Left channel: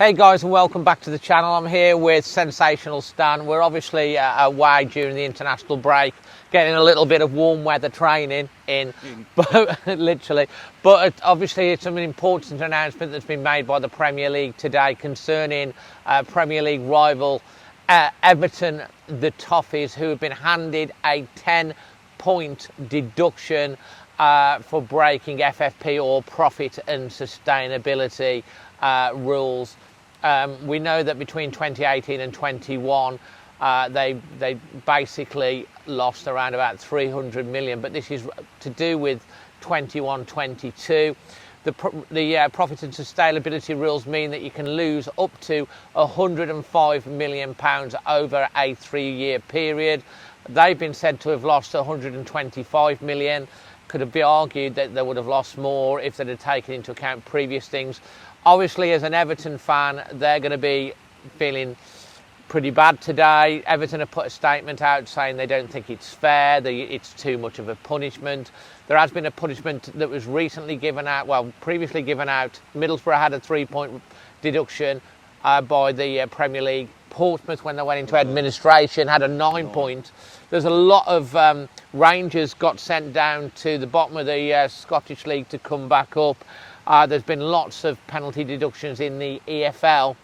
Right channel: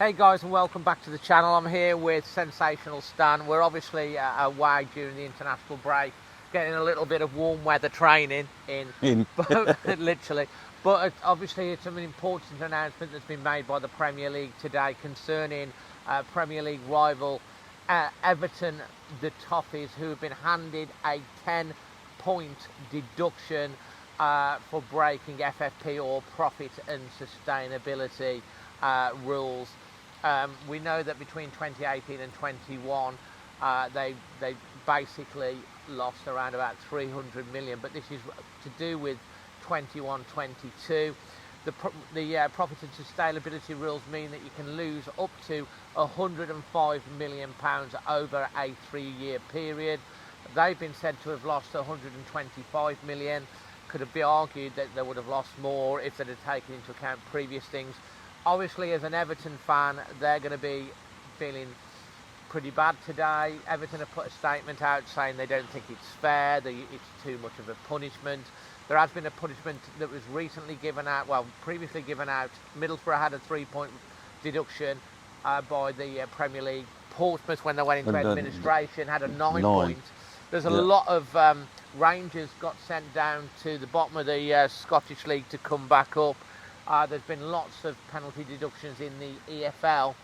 Hey guys, and welcome back to the channel. I'm here with Sensational Stan. We're obviously away during the international break, getting a little bit of warm weather training in. But, literally. But obviously it's an important announcement that's been made by the Premier League today concerning Premier League rival Everton, the Toffees, who have been handed a 10-point deduction for breaking FFP or profit and sustainability rules. We know that between 2018 and 21 they basically lost around about 300 million, but this is to do with 21-22. The profit and sustainability rules mean that you can lose up to £105 million over a 3-year period. They've been said to have lost 125 million. Could have been argued that they would have lost more if they'd have taken into account previous things. Obviously, as an Everton fan, they're going to be feeling pretty bad today. Everton have put a statement out saying they don't think it's fair, it's too much of a punishment. There has been a punishment that was recently given out, previously given out. Middlesbrough had a 3-point deduction by the Premier League. Portsmouth, when they went into administration, had a 9-point. There's a lot of Rangers got sent down to the bottom of the Scottish League to come back up. There's been lots of penalty deductions in the EFL.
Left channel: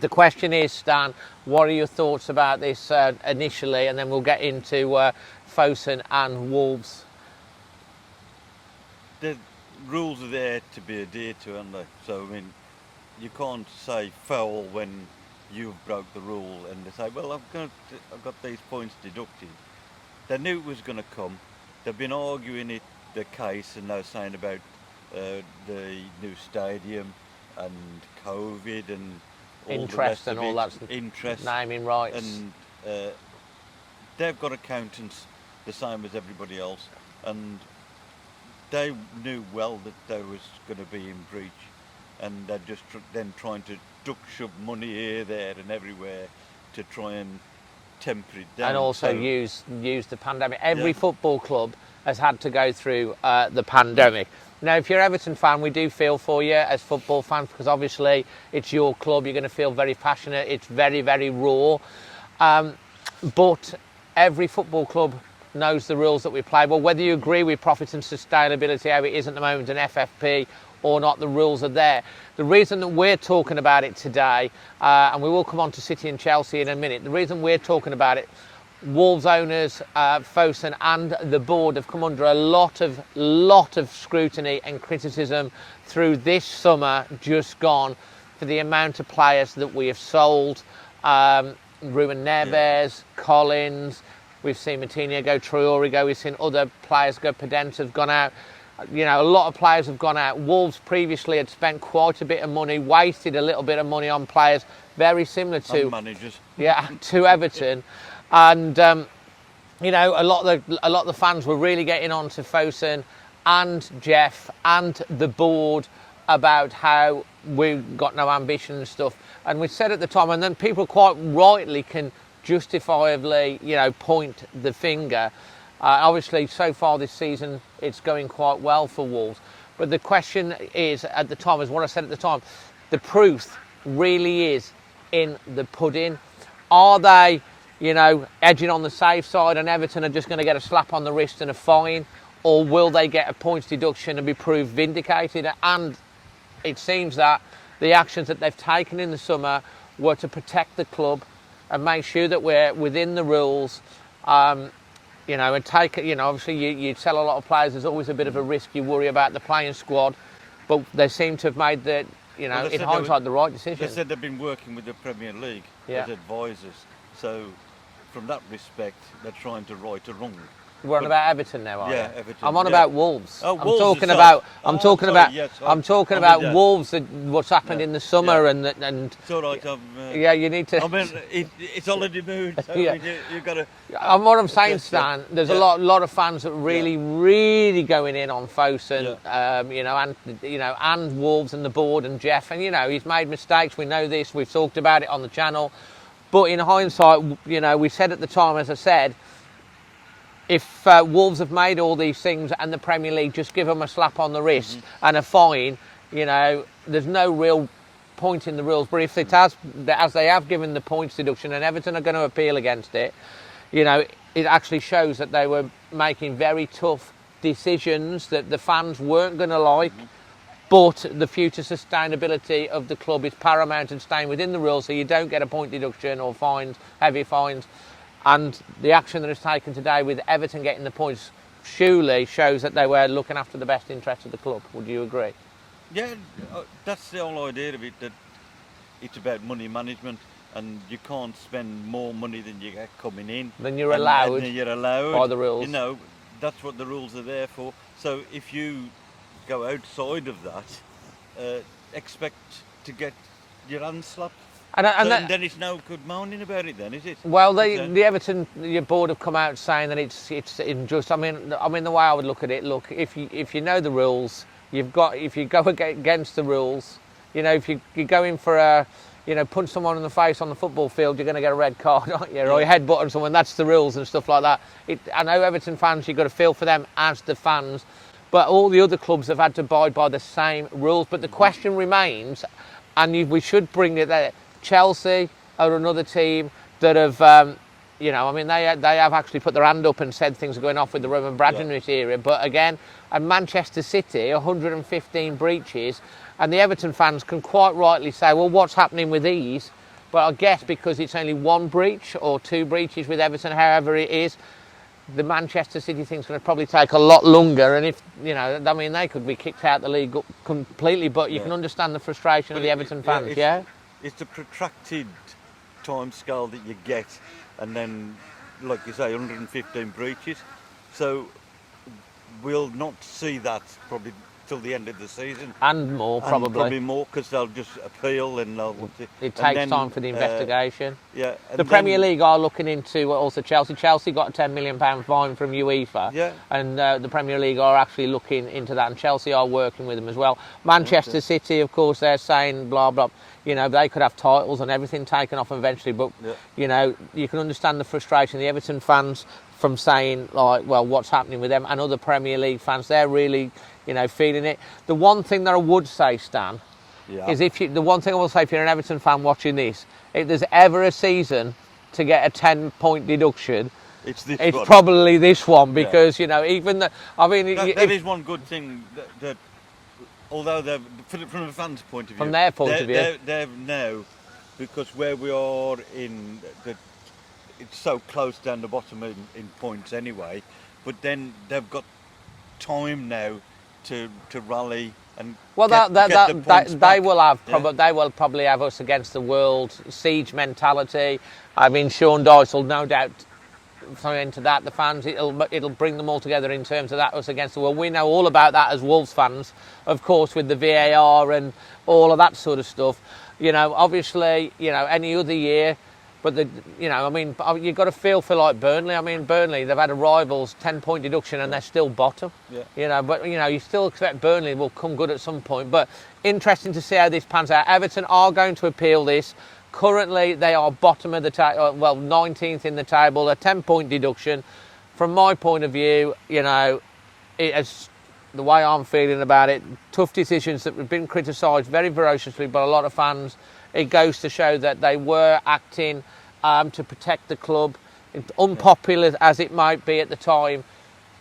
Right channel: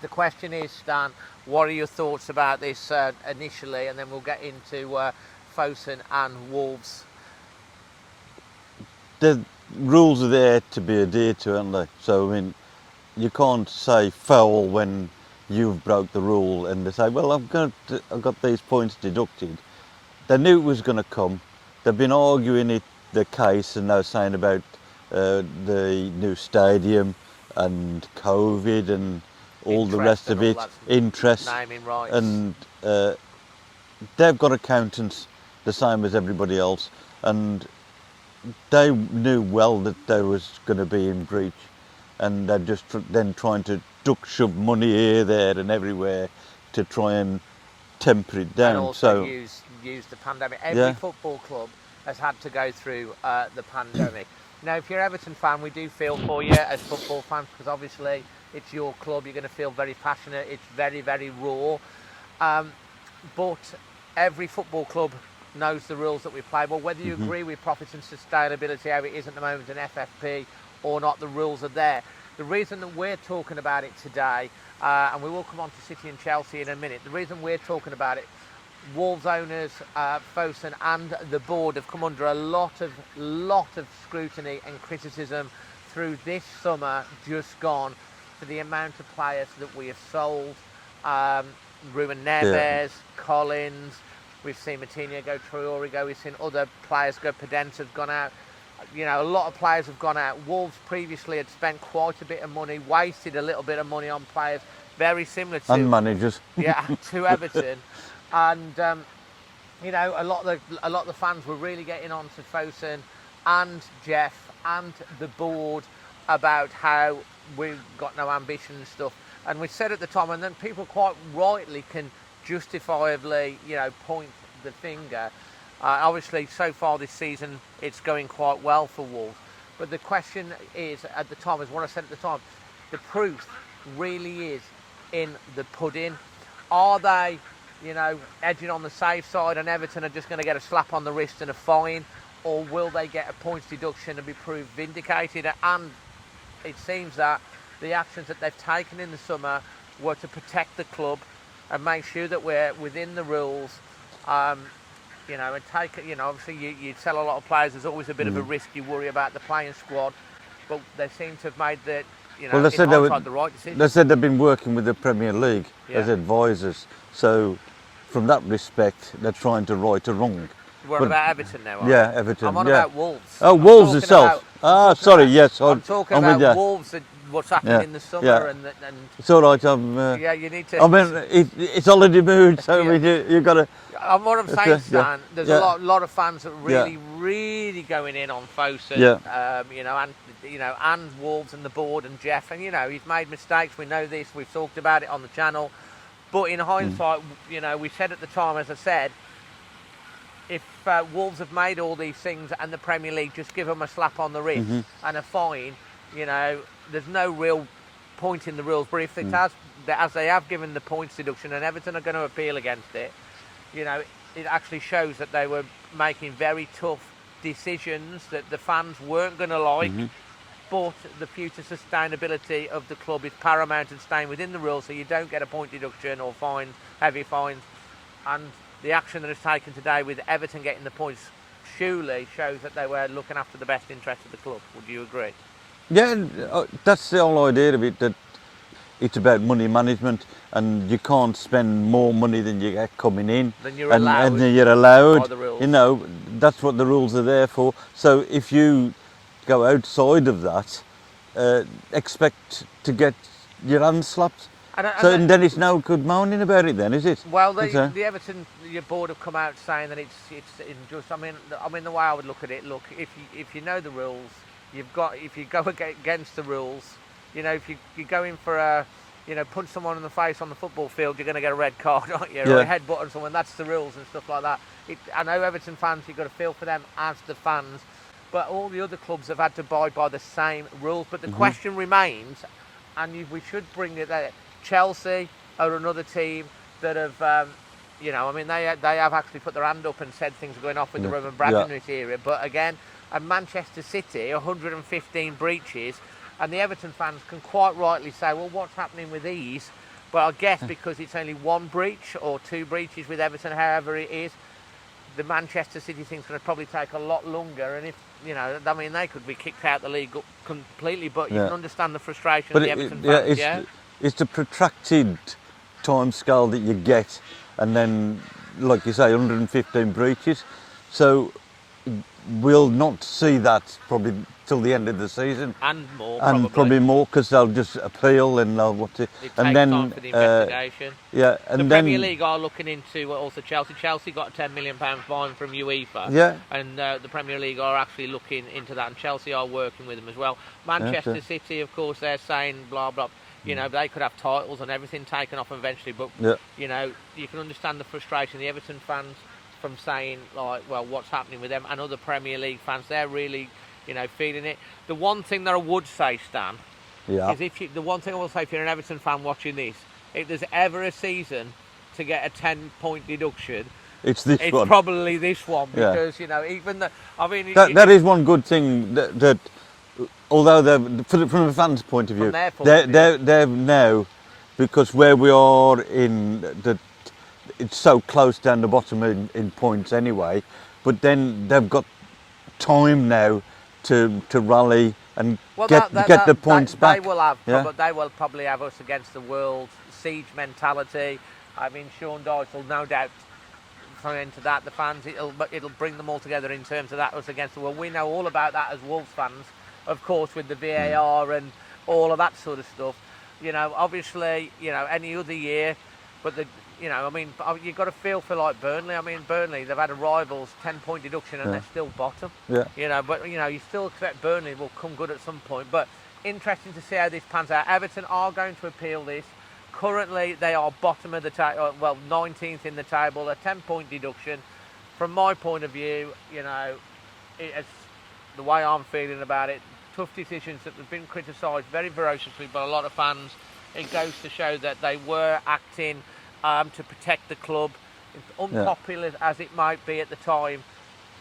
The question is, Stan, what are your thoughts about this initially, and then we'll get into Fosun and Wolves. The rules are there to be adhered to, aren't they? So, I mean, you can't say foul when you've broke the rule and they say, well, I've got these points deducted. They knew it was going to come. They've been arguing the case, and they're saying about the new stadium and COVID and all the rest of it, interest, naming rights. And they've got accountants the same as everybody else, and they knew well that they was going to be in breach, and they're just then trying to shove money here, there and everywhere to try and temper it down. And also use the pandemic. Every football club has had to go through the pandemic. Now, if you're an Everton fan, we do feel for you as football fans, because obviously it's your club. You're going to feel very passionate. It's very, very raw. But every football club knows the rules that we play. Well, whether you agree with profit and sustainability, how it is at the moment, an FFP or not, the rules are there. The reason that we're talking about it today, and we will come on to City and Chelsea in a minute, the reason we're talking about it, Wolves owners, Fosun and the board have come under a lot of scrutiny and criticism through this summer just gone for the amount of players that we have sold. Ruben Neves, Collins, we've seen Matinho go, Traore go, we've seen other players go, Podence have gone out. You know, a lot of players have gone out. Wolves previously had spent quite a bit of money, wasted a little bit of money on players, very similar to... And managers. Yeah, to Everton. And you know, a lot of the fans were really getting on to Fosun and Jeff and the board about how we've got no ambition and stuff. And we said at the time, and then people quite rightly can justifiably, you know, point the finger. Obviously, so far this season, it's going quite well for Wolves. But the question is, at the time, is what I said at the time, the proof really is in the pudding. Are they, you know, edging on the safe side, and Everton are just going to get a slap on the wrist and a fine, or will they get a points deduction and be proved vindicated? And it seems that the actions that they've taken in the summer were to protect the club and make sure that we're within the rules. You know, and take, you know, obviously you sell a lot of players, there's always a bit of a risk, you worry about the playing squad, but they seem to have made the, you know, the right decision. They said they've been working with the Premier League as advisors, so from that respect, they're trying to right a wrong. We're about Everton now, aren't we? Yeah, Everton. I'm on about Wolves. Oh, Wolves itself. I'm talking about Wolves and what's happened in the summer and it's all right. Yeah, you need to. I mean, it's holiday mood, so you've got to. What I'm saying, Stan, there's a lot of fans that really going in on Fosun. You know, and Wolves and the board and Jeff, and you know, he's made mistakes. We know this. We've talked about it on the channel. But in hindsight, you know, we said at the time, as I said, if Wolves have made all these things and the Premier League just give them a slap on the wrist and a fine, you know, there's no real pointing the rules, but if it has, as they have given the points deduction, and Everton are going to appeal against it, you know, it actually shows that they were making very tough decisions that the fans weren't going to like. But the future sustainability of the club is paramount and staying within the rules, so you don't get a point deduction or fines, heavy fines. And the action that is taken today with Everton getting the points surely shows that they were looking after the best interest of the club. Would you agree? Yeah, that's the whole idea of it, that it's about money management, and you can't spend more money than you get coming in. Then you're allowed. And you're allowed. By the rules. You know, that's what the rules are there for. So if you go outside of that, expect to get your hands slapped. And then it's no good moaning about it then, is it? Well, the Everton board have come out saying that it's unjust. I mean, the way I would look at it, look, if you know the rules, if you go against the rules, you know, if you go in for a, you know, punch someone in the face on the football field, you're going to get a red card, aren't you? Or a headbutt on someone, that's the rules and stuff like that. I know Everton fans, you've got to feel for them as the fans, but all the other clubs have had to abide by the same rules. But the question remains, and we should bring it there, Chelsea are another team that have, you know, I mean, they have actually put their hand up and said things are going off with the Roman Abramovich era. But again, and Manchester City, 115 breaches, and the Everton fans can quite rightly say, well, what's happening with these? But I guess because it's only one breach or two breaches with Everton, however it is, the Manchester City thing's going to probably take a lot longer. And if, you know, I mean, they could be kicked out of the league completely, but you can understand the frustration of the Everton fans, It's the protracted time scale that you get, and then, like you say, 115 breaches. So we'll not see that probably till the end of the season. And more, probably. And probably more, because they'll just appeal and they'll want to... It takes time for the investigation. And the Premier League are looking into also Chelsea. Chelsea got a £10 million fine from UEFA. Yeah. And the Premier League are actually looking into that, and Chelsea are working with them as well. Manchester City, of course, they're saying blah, blah. You know, they could have titles and everything taken off eventually, but, you know, you can understand the frustration of the Everton fans from saying, like, well, what's happening with them, and other Premier League fans, they're really, you know, feeling it. The one thing that I would say, Stan, is the one thing I will say, if you're an Everton fan watching this, if there's ever a season to get a 10-point deduction, it's probably this one, because, you know, even the, I mean... That is one good thing that although from a fan's point of view, from their point of view, they're now, because where we are it's so close down the bottom in points anyway, but then they've got time now to rally and get the points back. They will probably have us against the world, siege mentality. I mean, Sean Dyche will no doubt into that. The fans, it'll bring them all together in terms of that, us against the world. We know all about that as Wolves fans, of course, with the VAR and all of that sort of stuff. You know, obviously, you know, any other year, but you know, I mean, you've got to feel for like Burnley. I mean, Burnley, they've had a rivals 10-point deduction and they're still bottom. You know, but you know, you still expect Burnley will come good at some point. But interesting to see how this pans out. Everton are going to appeal this. Currently, they are bottom of the table, well, 19th in the table, a 10-point deduction. From my point of view, you know, the way I'm feeling about it, tough decisions that have been criticised very ferociously by a lot of fans. It goes to show that they were acting to protect the club, unpopular as it might be at the time.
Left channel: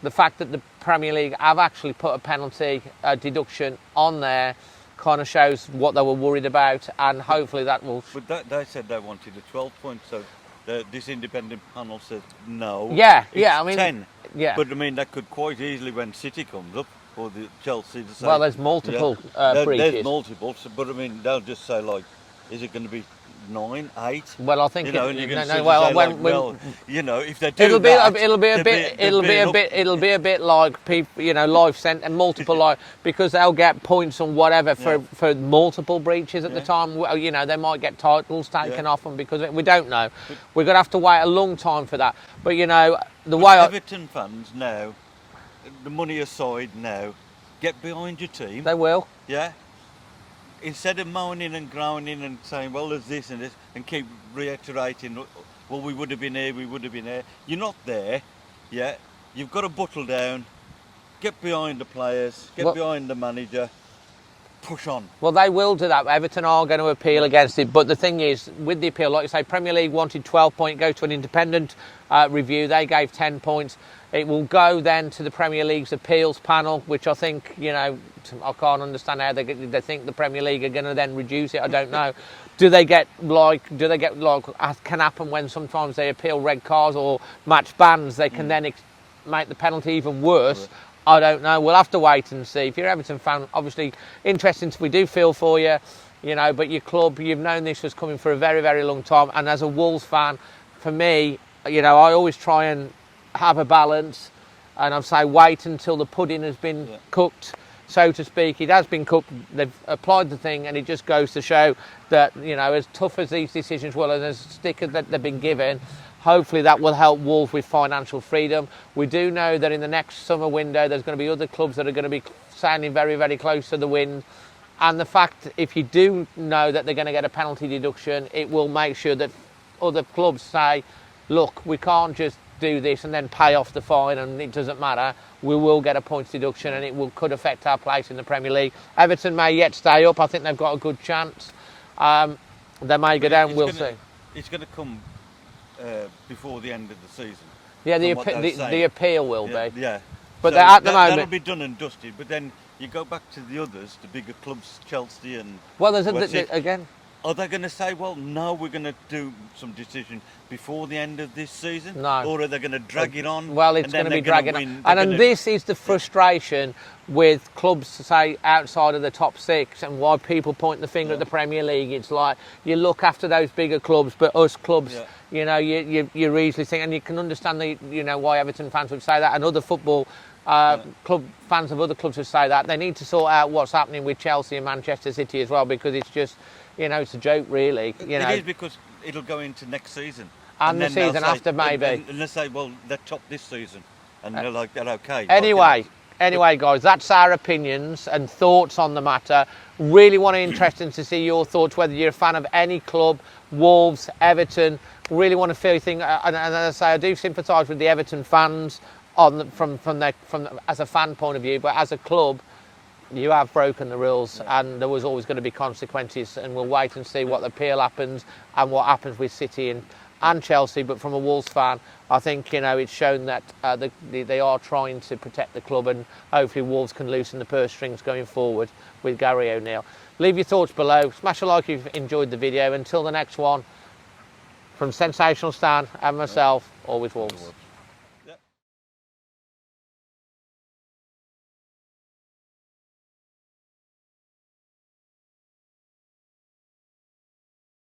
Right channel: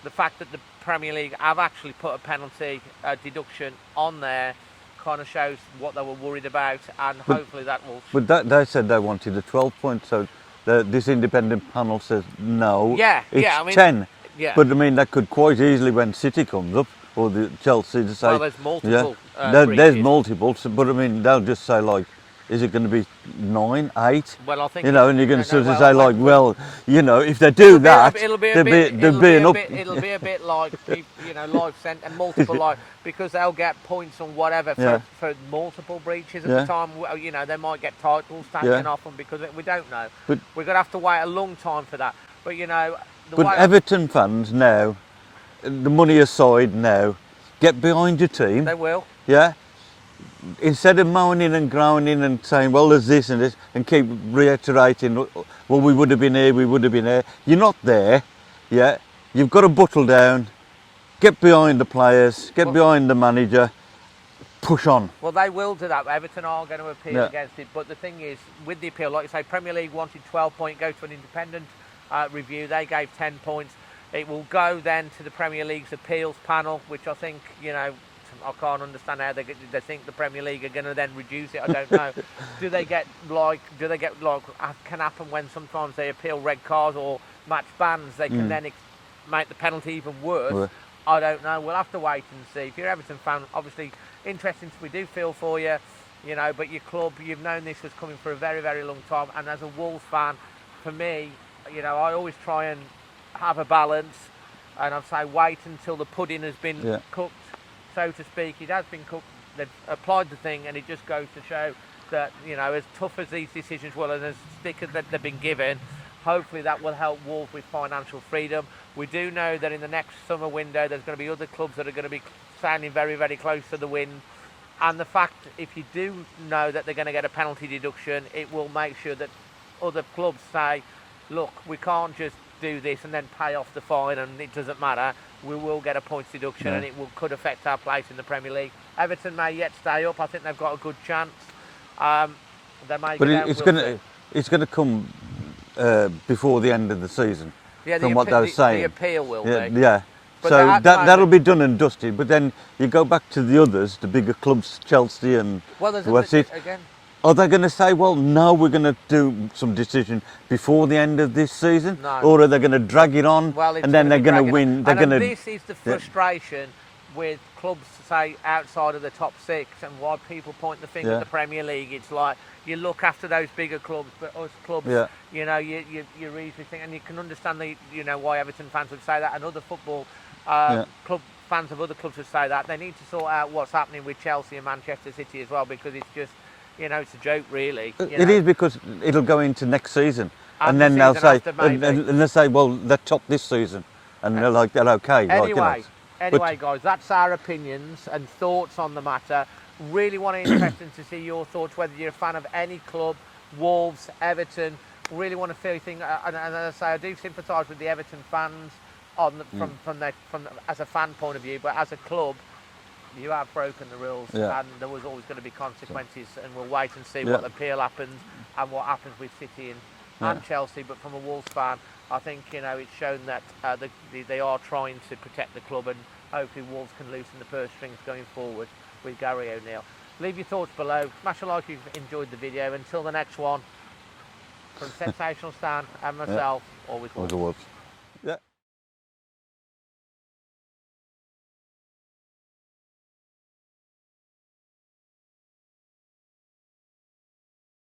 The fact that the Premier League have actually put a penalty deduction on there kind of shows what they were worried about, and hopefully that will... But they said they wanted a 12 point, so this independent panel says no. I mean, 10. But I mean, that could quite easily, when City comes up, or the Chelsea, to say... Well, there's multiple there's multiple, but I mean, they'll just say, like, is it going to be 9, 8? Well, I think... You know, and you're going to say, like, well, you know, if they do that... It'll be a bit like, people, you know, life sent and multiple life, because they'll get points on whatever for multiple breaches at the time. You know, they might get titles taken off them because we don't know. But we're going to have to wait a long time for that. But, you know, Everton fans now, the money aside now, get behind your team. They will. Yeah. Instead of moaning and groaning and saying, well, there's this and this, and keep reiterating, well, we would have been here, we would have been there. You're not there, You've got to buckle down, get behind the players, get behind the manager, push on. Well, they will do that. Everton are going to appeal against it. But the thing is, with the appeal, like you say, Premier League wanted 12 points, go to an independent review. They gave 10 points. It will go then to the Premier League's appeals panel, which I think, you know, I can't understand how they think the Premier League are going to then reduce it. I don't know. do they get like can happen when sometimes they appeal red cards or match bans? They can then make the penalty even worse. Right. I don't know. We'll have to wait and see. If you're an Everton fan, obviously interesting. We do feel for you, you know. But your club, you've known this was coming for a very, very long time. And as a Wolves fan, for me, you know, I always try and have a balance. And I'd say wait until the pudding has been cooked, so to speak. It has been cooked. They've applied the thing, and it just goes to show that, you know, as tough as these decisions were and as stickers that they've been given, hopefully that will help Wolves with financial freedom. We do know that in the next summer window there's going to be other clubs that are going to be sounding very, very close to the wind. And the fact, if you do know that they're going to get a penalty deduction, it will make sure that other clubs say, look, we can't just do this and then pay off the fine and it doesn't matter. We will get a points deduction and it could affect our place in the Premier League. Everton may yet stay up. I think they've got a good chance. They may go down. It's going to come before the end of the season. Yeah, the appeal will be. Yeah. But so that'll be done and dusted. But then you go back to the others, the bigger clubs, Chelsea and again. Are they going to say, well, no, we're going to do some decision before the end of this season? No. Or are they going to drag it on and then they're going to win? And this is the frustration with clubs, say, outside of the top six, and why people point the finger at the Premier League. It's like, you look after those bigger clubs, but us clubs, you know, you're easily thinking, and you can understand why Everton fans would say that, and other football club fans of other clubs would say that. They need to sort out what's happening with Chelsea and Manchester City as well, because it's just, you know, it's a joke, really. It is, because it'll go into next season, and then they'll say, after, maybe. and they'll say, well, they're top this season, and they're like, they're okay. Anyway, guys, that's our opinions and thoughts on the matter. Really interesting to see your thoughts, whether you're a fan of any club, Wolves, Everton. Really want to feel you think, and as I say, I do sympathise with the Everton fans from as a fan point of view, but as a club, you have broken the rules, and there was always going to be consequences, and we'll wait and see what the appeal happens and what happens with City and Chelsea. But from a Wolves fan, I think, you know, it's shown that they are trying to protect the club, and hopefully Wolves can loosen the purse strings going forward with Gary O'Neill. Leave your thoughts below. Smash a like if you've enjoyed the video. Until the next one, from Sensational Stan and myself, always Wolves.